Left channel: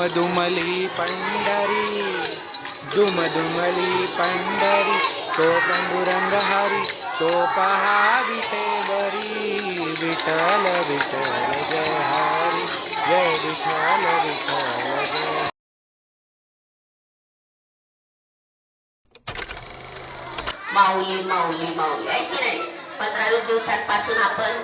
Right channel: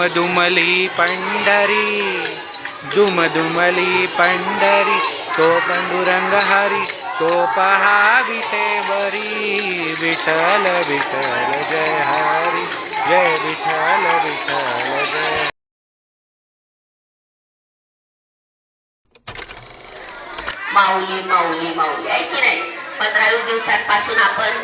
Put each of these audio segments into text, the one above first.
दुमदुमली पंढरी दुमदुमली पंढरी तो पांडुरंग हरी तो पहा विटेवरी विठ्ठल विठ्ठल जय हरी जय विठल विठल जय माऊली माऊली माऊली. आहे की नाही? पंधरा वीस दिवसांपासून आपण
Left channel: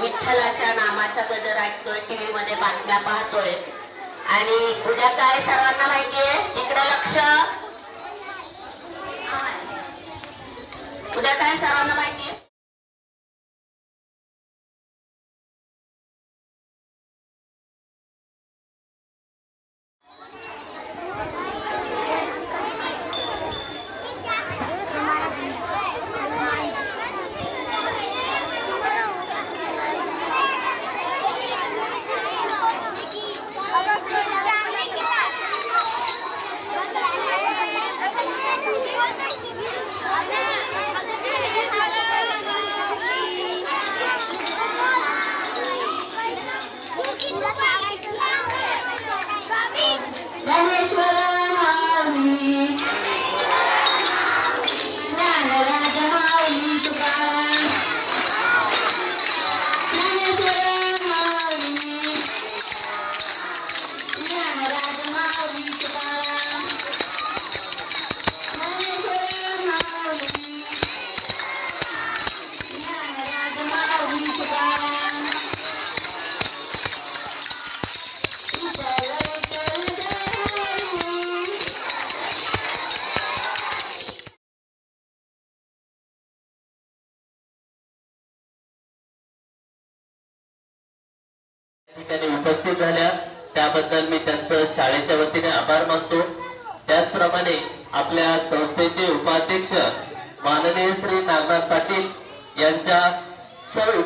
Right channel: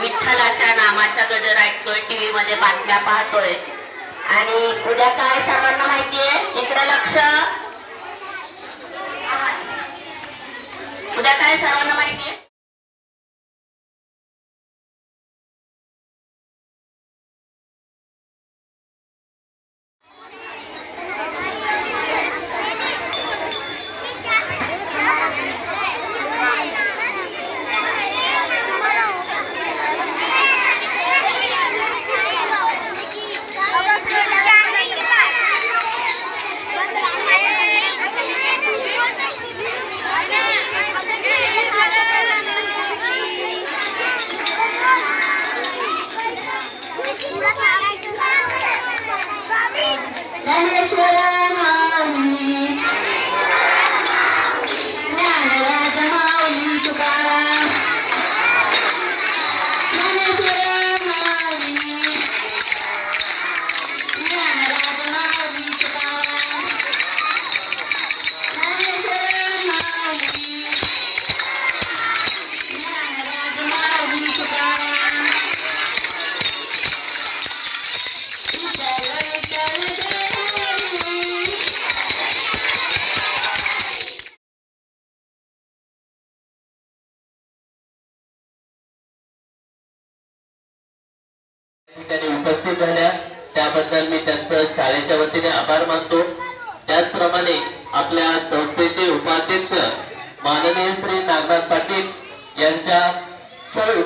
विठ्ठलाच्या नामाचा गजर ऐकतोय टीव्ही मध्ये बातम्या पाहतोय. आणि उद्या काय सर्वांना माहितीये इकडे लक्ष. उद्या काय सर्वांना माहितीये माऊली त्याबद्दल मी त्यांचं शाळेच्या वतीने आभार मानतो. त्याचप्रमाणे आपल्या संस्थेचे उपाध्यक्ष माननीय श्री नागनाथ पाटील यांच्या सर्व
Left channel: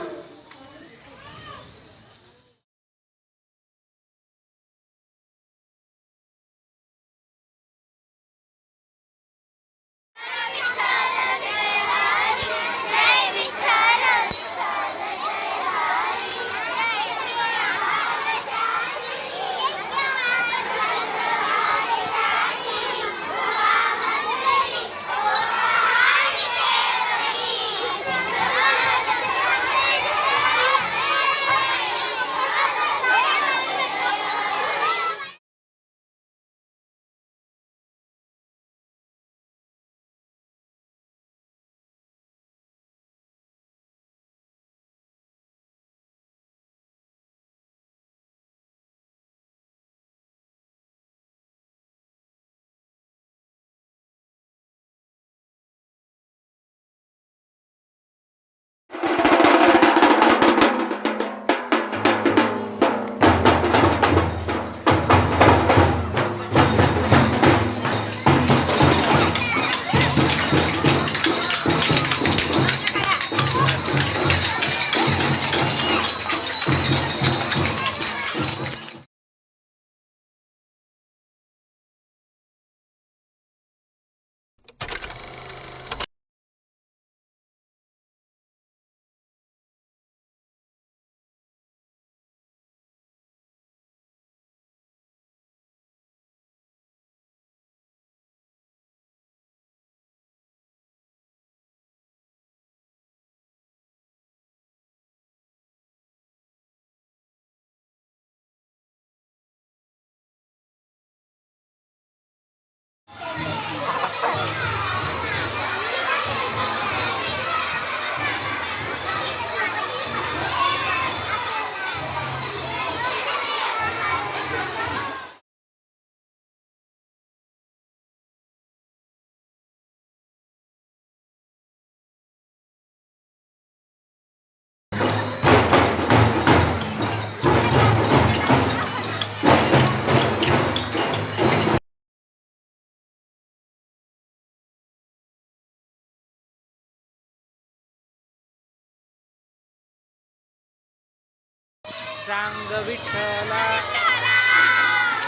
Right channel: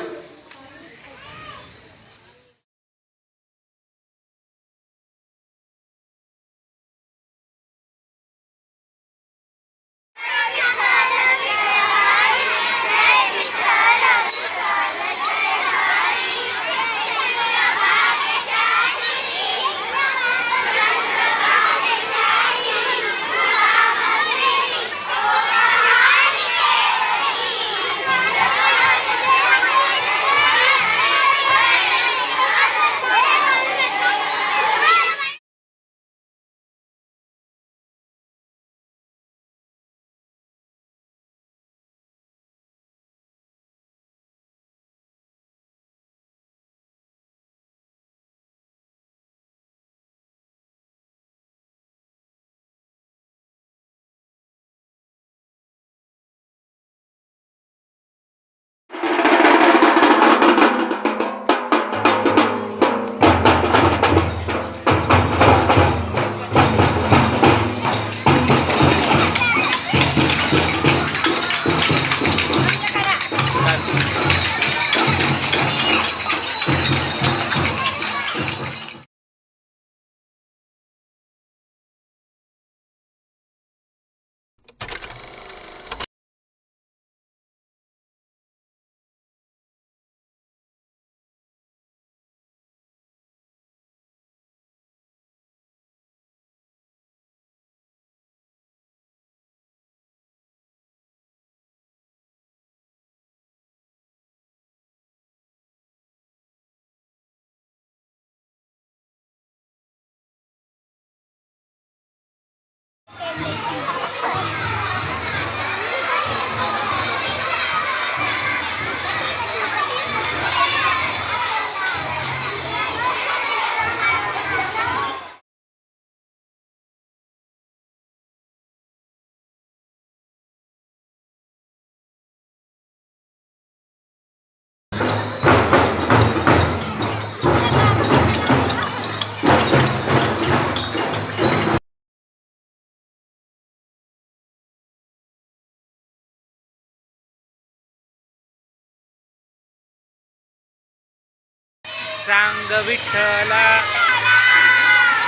सांग विठ्ठला.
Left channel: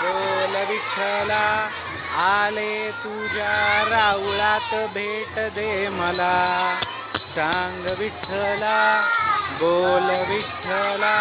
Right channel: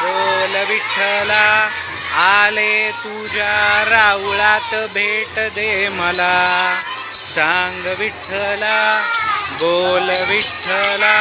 बोल विठ्ठला आले तुझ्या राऊळात भेट दे मला. सांग विठ्ठला बोल विठ्ठला.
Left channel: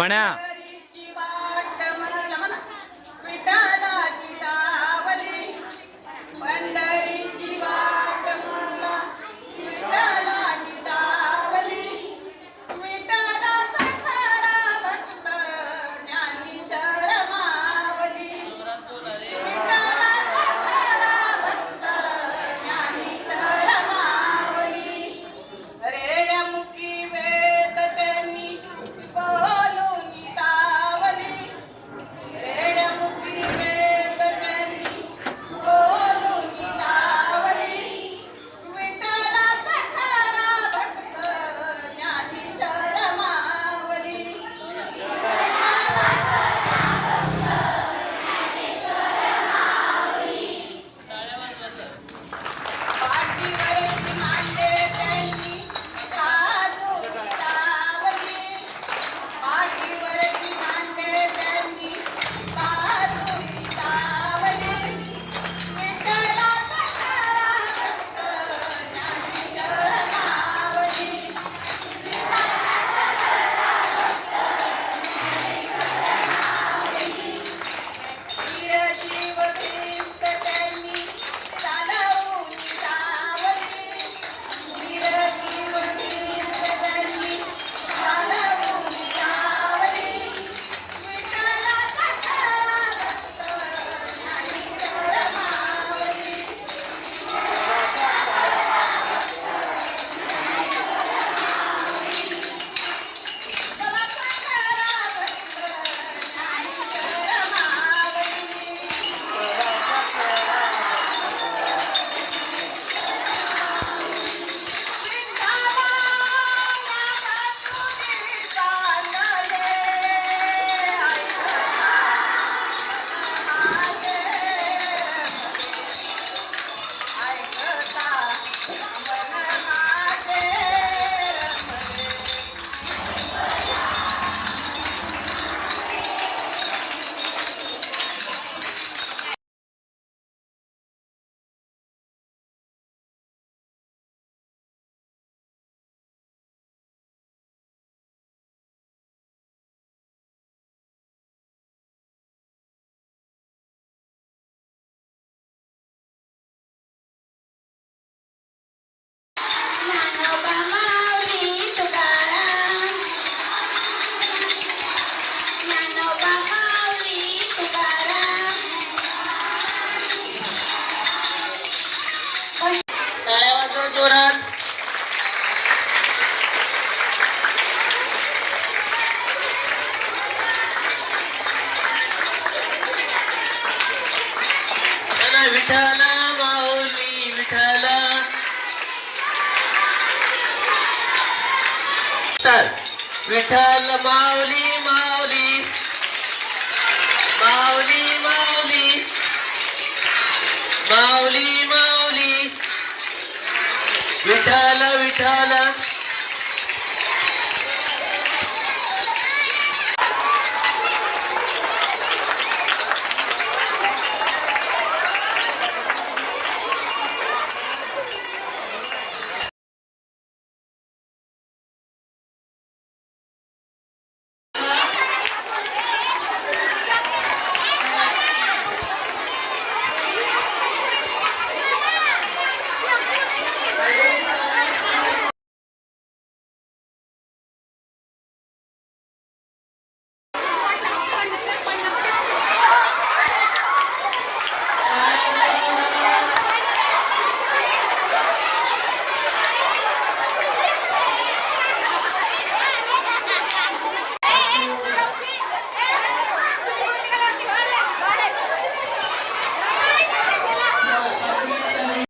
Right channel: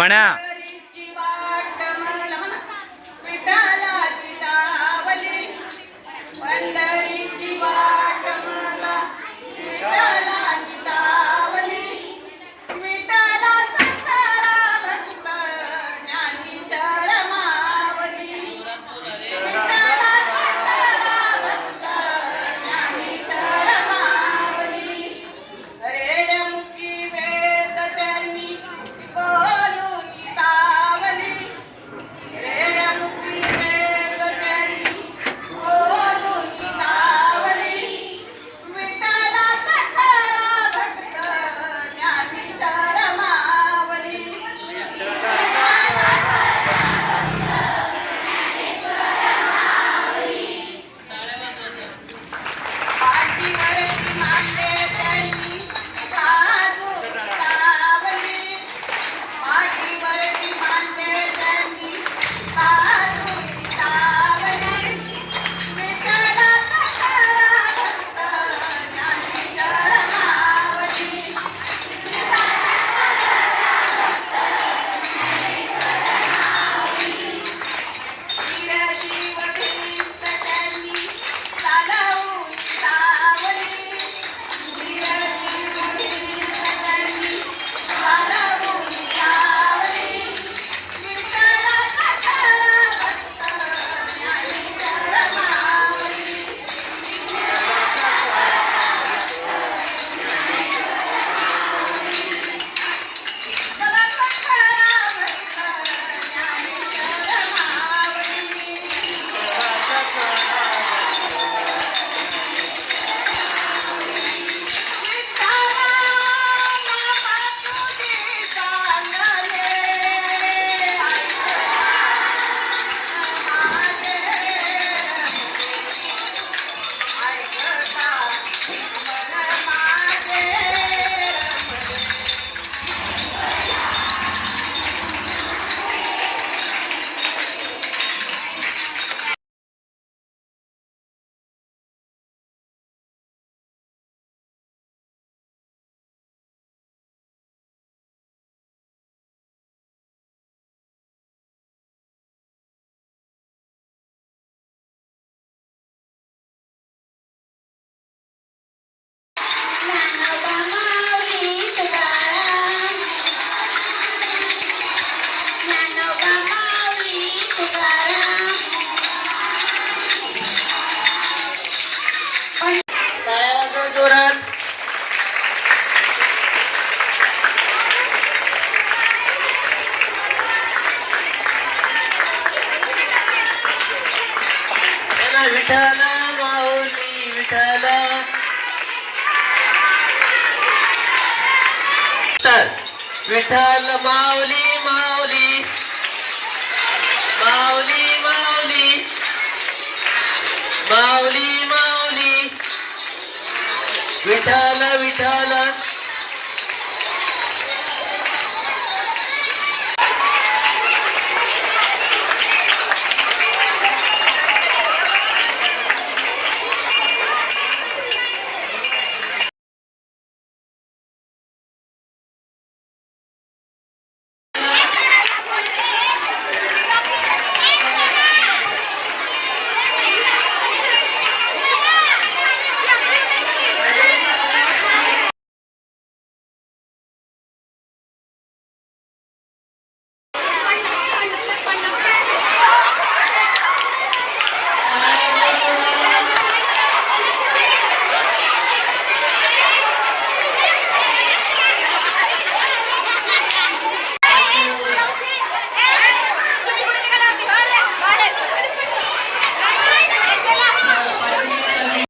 மணா तर विठ्ठल माऊली माऊली. माऊली माऊली. माऊली माऊली. विठ्ठल विठ्ठल.